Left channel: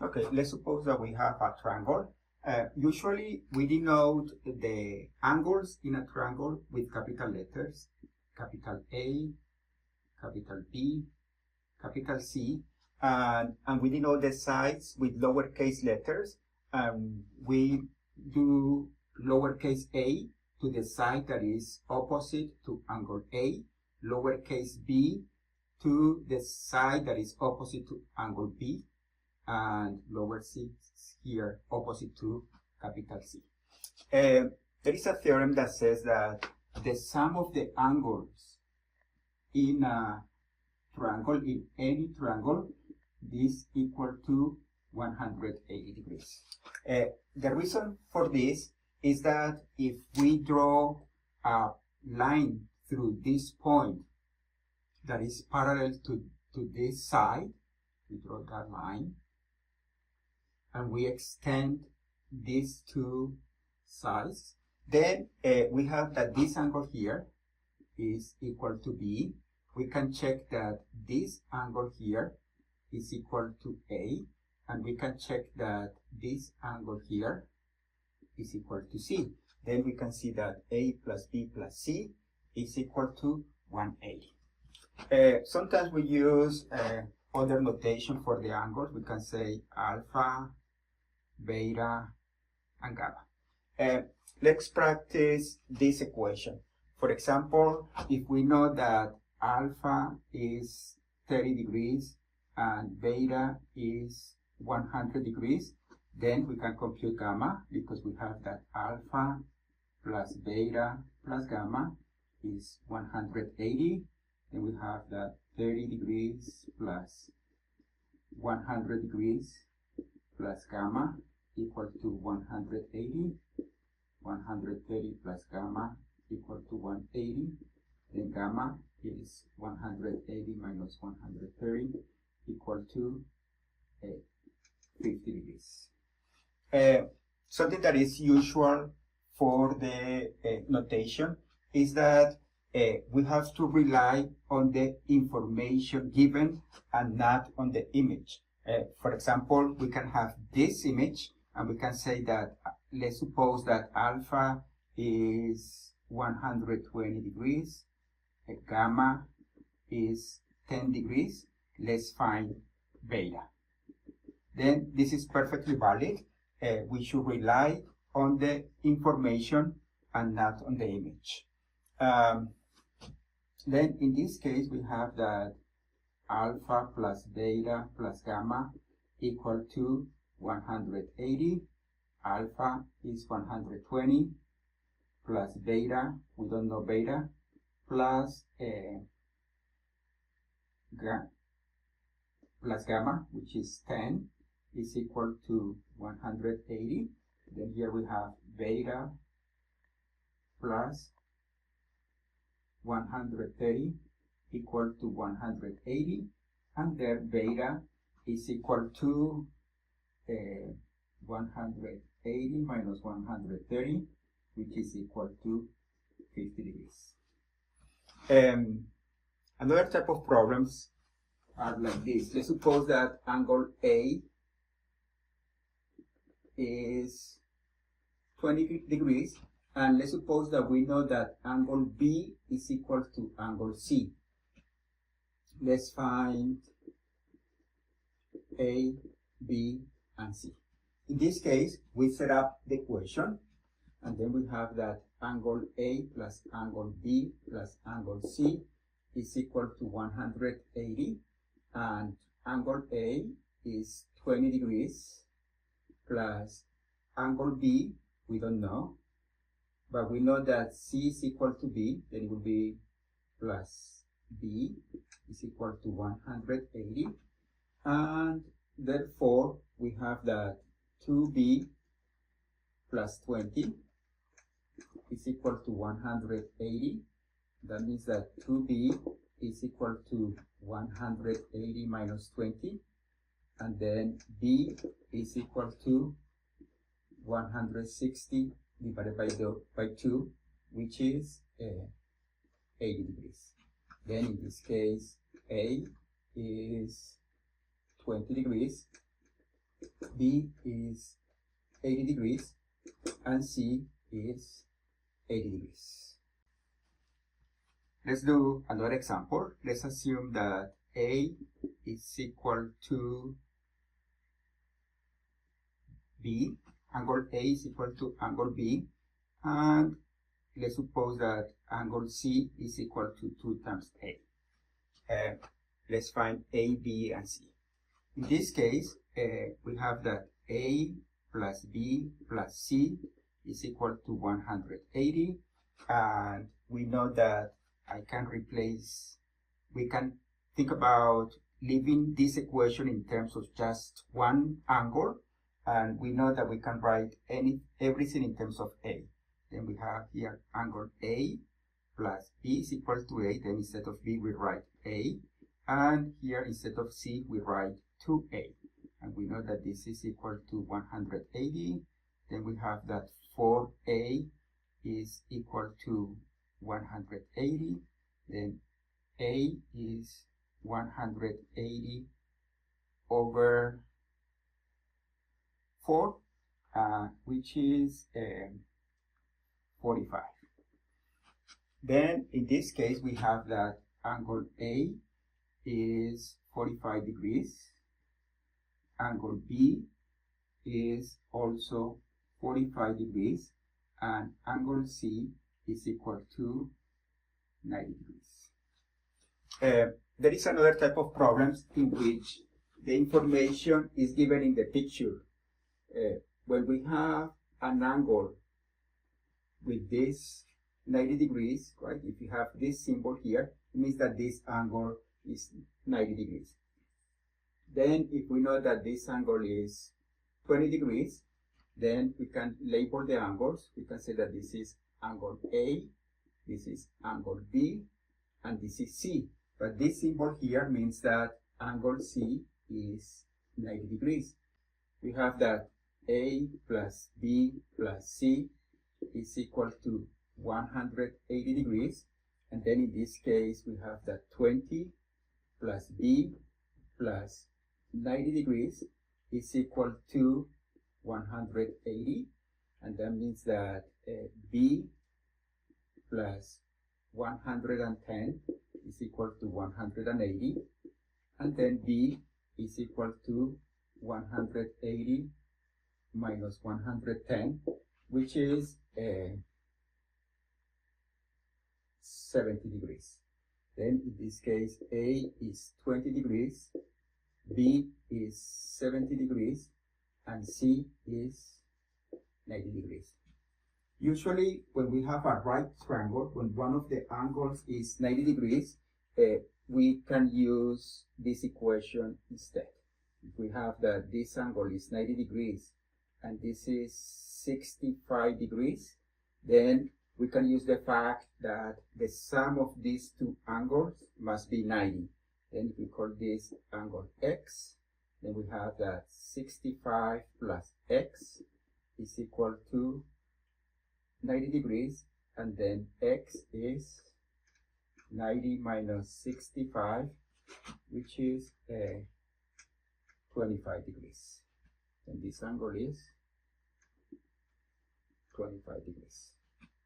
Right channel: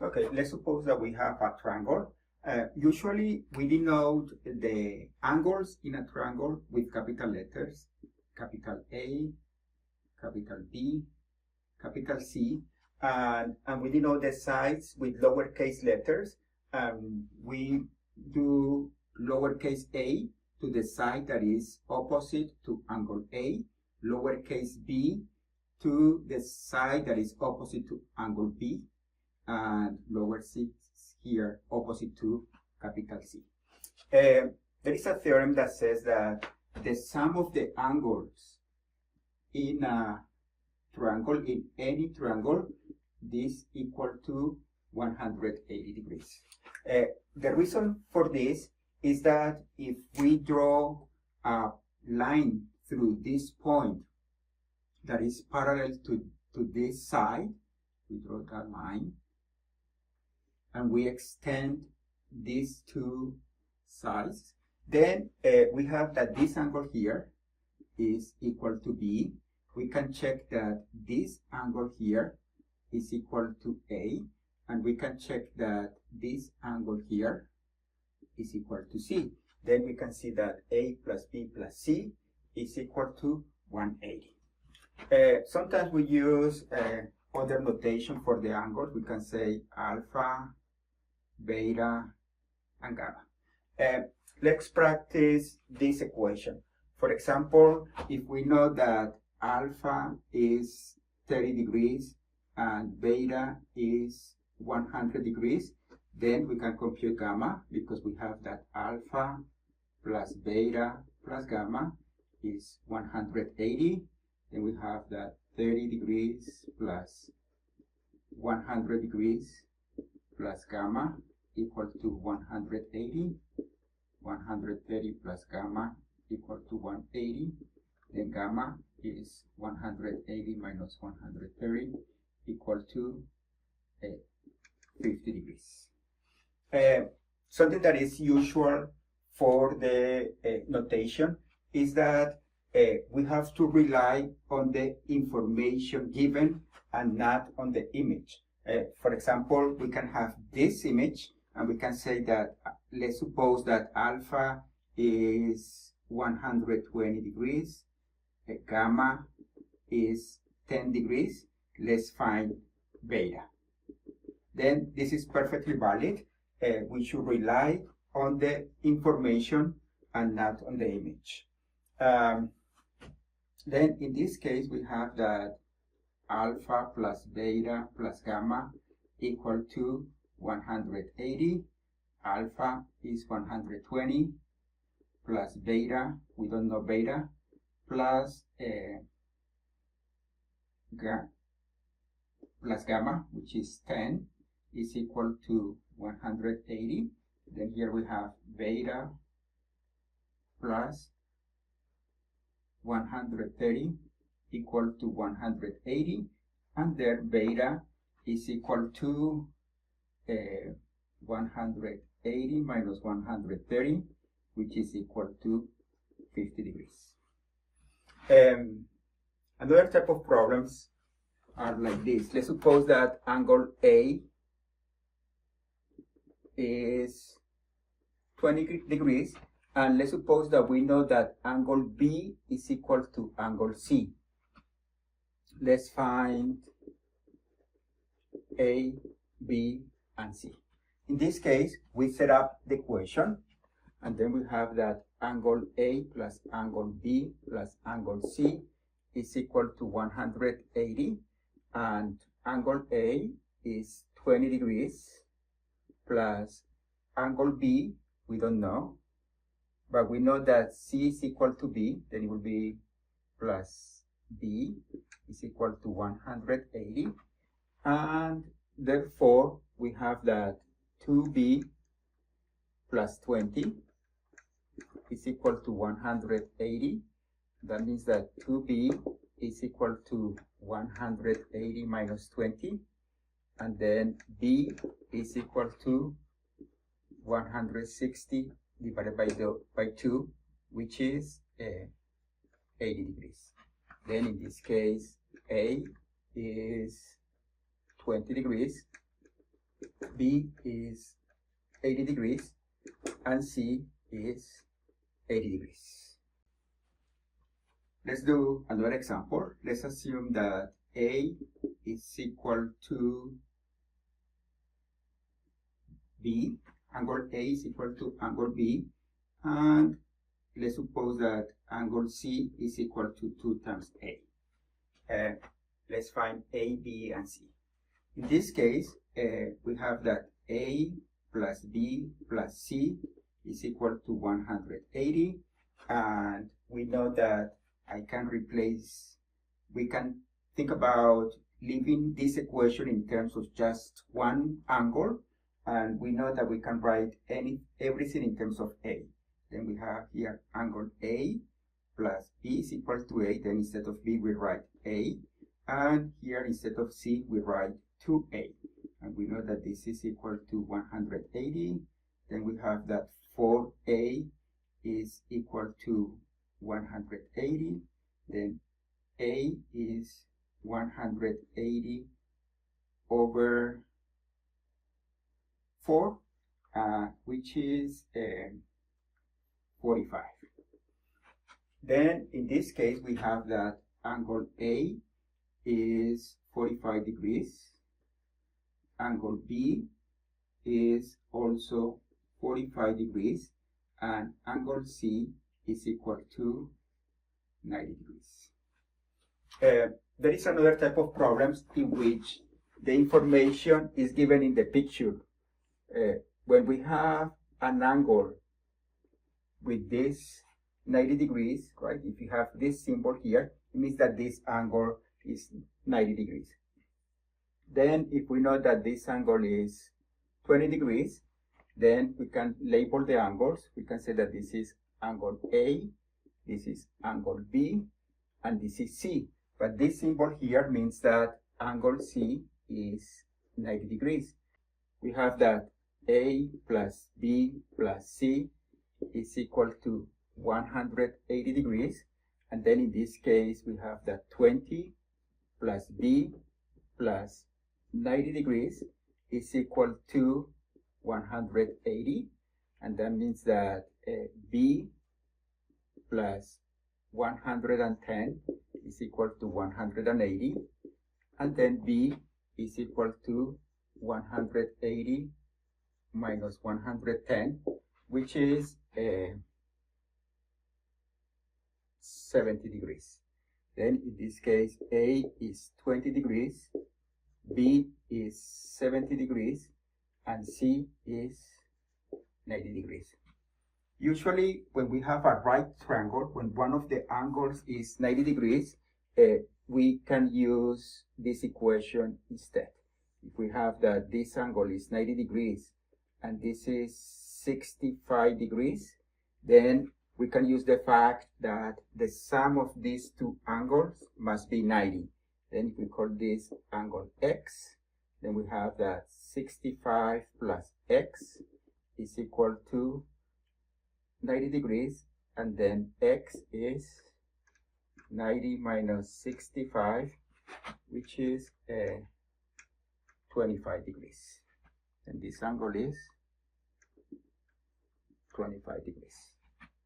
Okay, let's suppose that we have a triangle. Usually we denote the angles in a triangle with capital letters, capital A, capital B, capital C, and we denote the sides with lowercase letters. We do lowercase a to the side that is opposite to angle A, lowercase b to the side that is opposite to angle B, and lower c here opposite to capital C. There is a theorem that says that the sum of the angles in a triangle, in any triangle, this equal to 180 degrees. The reason for this is that if we draw a line through this point that is parallel to this side, we draw that line, and we extend these two sides, then we have that this angle here is equal to B. We can check that this angle here is equal to A, and we can check that this angle here is equal to C. Then we can see that A plus B plus C is equal to 180. Sometimes we use other notation for the angles. We can say alpha, beta, and gamma. Let's practice this equation. For example, if we know that alpha is 30 degrees and beta is 100 degrees, then we can compute gamma, because we have that alpha plus beta plus gamma is 180. Then we have that 30 degrees plus 100 degrees plus gamma equal to 180. 130 plus gamma equal to 180. Then gamma is 180 minus 130 equal to 50 degrees. Something that is usual for the notation is that we have to rely on the information given and not on the image. For example, we can have this image and we can say that, let's suppose that alpha is 120 degrees, gamma is 10 degrees. Let's find beta. Then this is perfectly valid. We should rely on the information and not on the image. Then in this case we have that alpha plus beta plus gamma equal to 180. Alpha is 120 plus beta, we don't know beta, plus gamma, which is 10, is equal to 180. Then here we have beta plus 130 equal to 180, and there beta is equal to 180 minus 130, which is equal to 50 degrees. Another type of problems are like this. Let's suppose that angle A is 20 degrees, and let's suppose that we know that angle B is equal to angle C. Let's find A, B, and C. In this case, we set up the equation, and then we have that angle A plus angle B plus angle C is equal to 180, and angle A is 20 degrees plus angle B, we don't know, but we know that C is equal to B, then it will be plus B is equal to 180, and therefore we have that 2B plus 20 is equal to 180. That means that 2B is equal to 180 minus 20, and then B is equal to 160 divided by 2, which is 80 degrees. Then in this case, A is 20 degrees B is 80 degrees, and C is 80 degrees. Let's do another example. Let's assume that A is equal to B, angle A is equal to angle B, and let's suppose that angle C is equal to 2 times A. Let's find A, B, and C. In this case, we have that A plus B plus C is equal to 180, and we know that we can think about leaving this equation in terms of just one angle, and we know that we can write everything in terms of A. Then we have here angle A plus B is equal to A, then instead of B we write A, and here instead of C we write 2A, and we know that this is equal to 180. Then we have that 4A is equal to 180, then A is 180 over 4, which is 45. Then in this case we have that angle A is 45 degrees, angle B is also 45 degrees, and angle C is equal to 90 degrees. There is another type of problems in which the information is given in the picture. When we have an angle with this 90 degrees, right? If you have this symbol here, it means that this angle is 90 degrees. Then if we know that this angle is 20 degrees, then we can label the angles. We can say that this is angle A, this is angle B, and this is C. But this symbol here means that angle C is 90 degrees. We have that A plus B plus C is equal to 180 degrees, and then in this case we have that 20 plus B plus 90 degrees is equal to 180, and that means that B plus 110 is equal to 180, and then B is equal to 180 minus 110, which is 70 degrees. Then in this case A is 20 degrees, B is 70 degrees, and C is 90 degrees. Usually when we have a right triangle, when one of the angles is 90 degrees, we can use this equation instead. If we have that this angle is 90 degrees and this is 65 degrees, then we can use the fact that the sum of these two angles must be 90. Then if we call this angle X, then we have that 65 plus X is equal to 90 degrees, and then X is 90 minus 65, which is 25 degrees. And this angle is 25 degrees.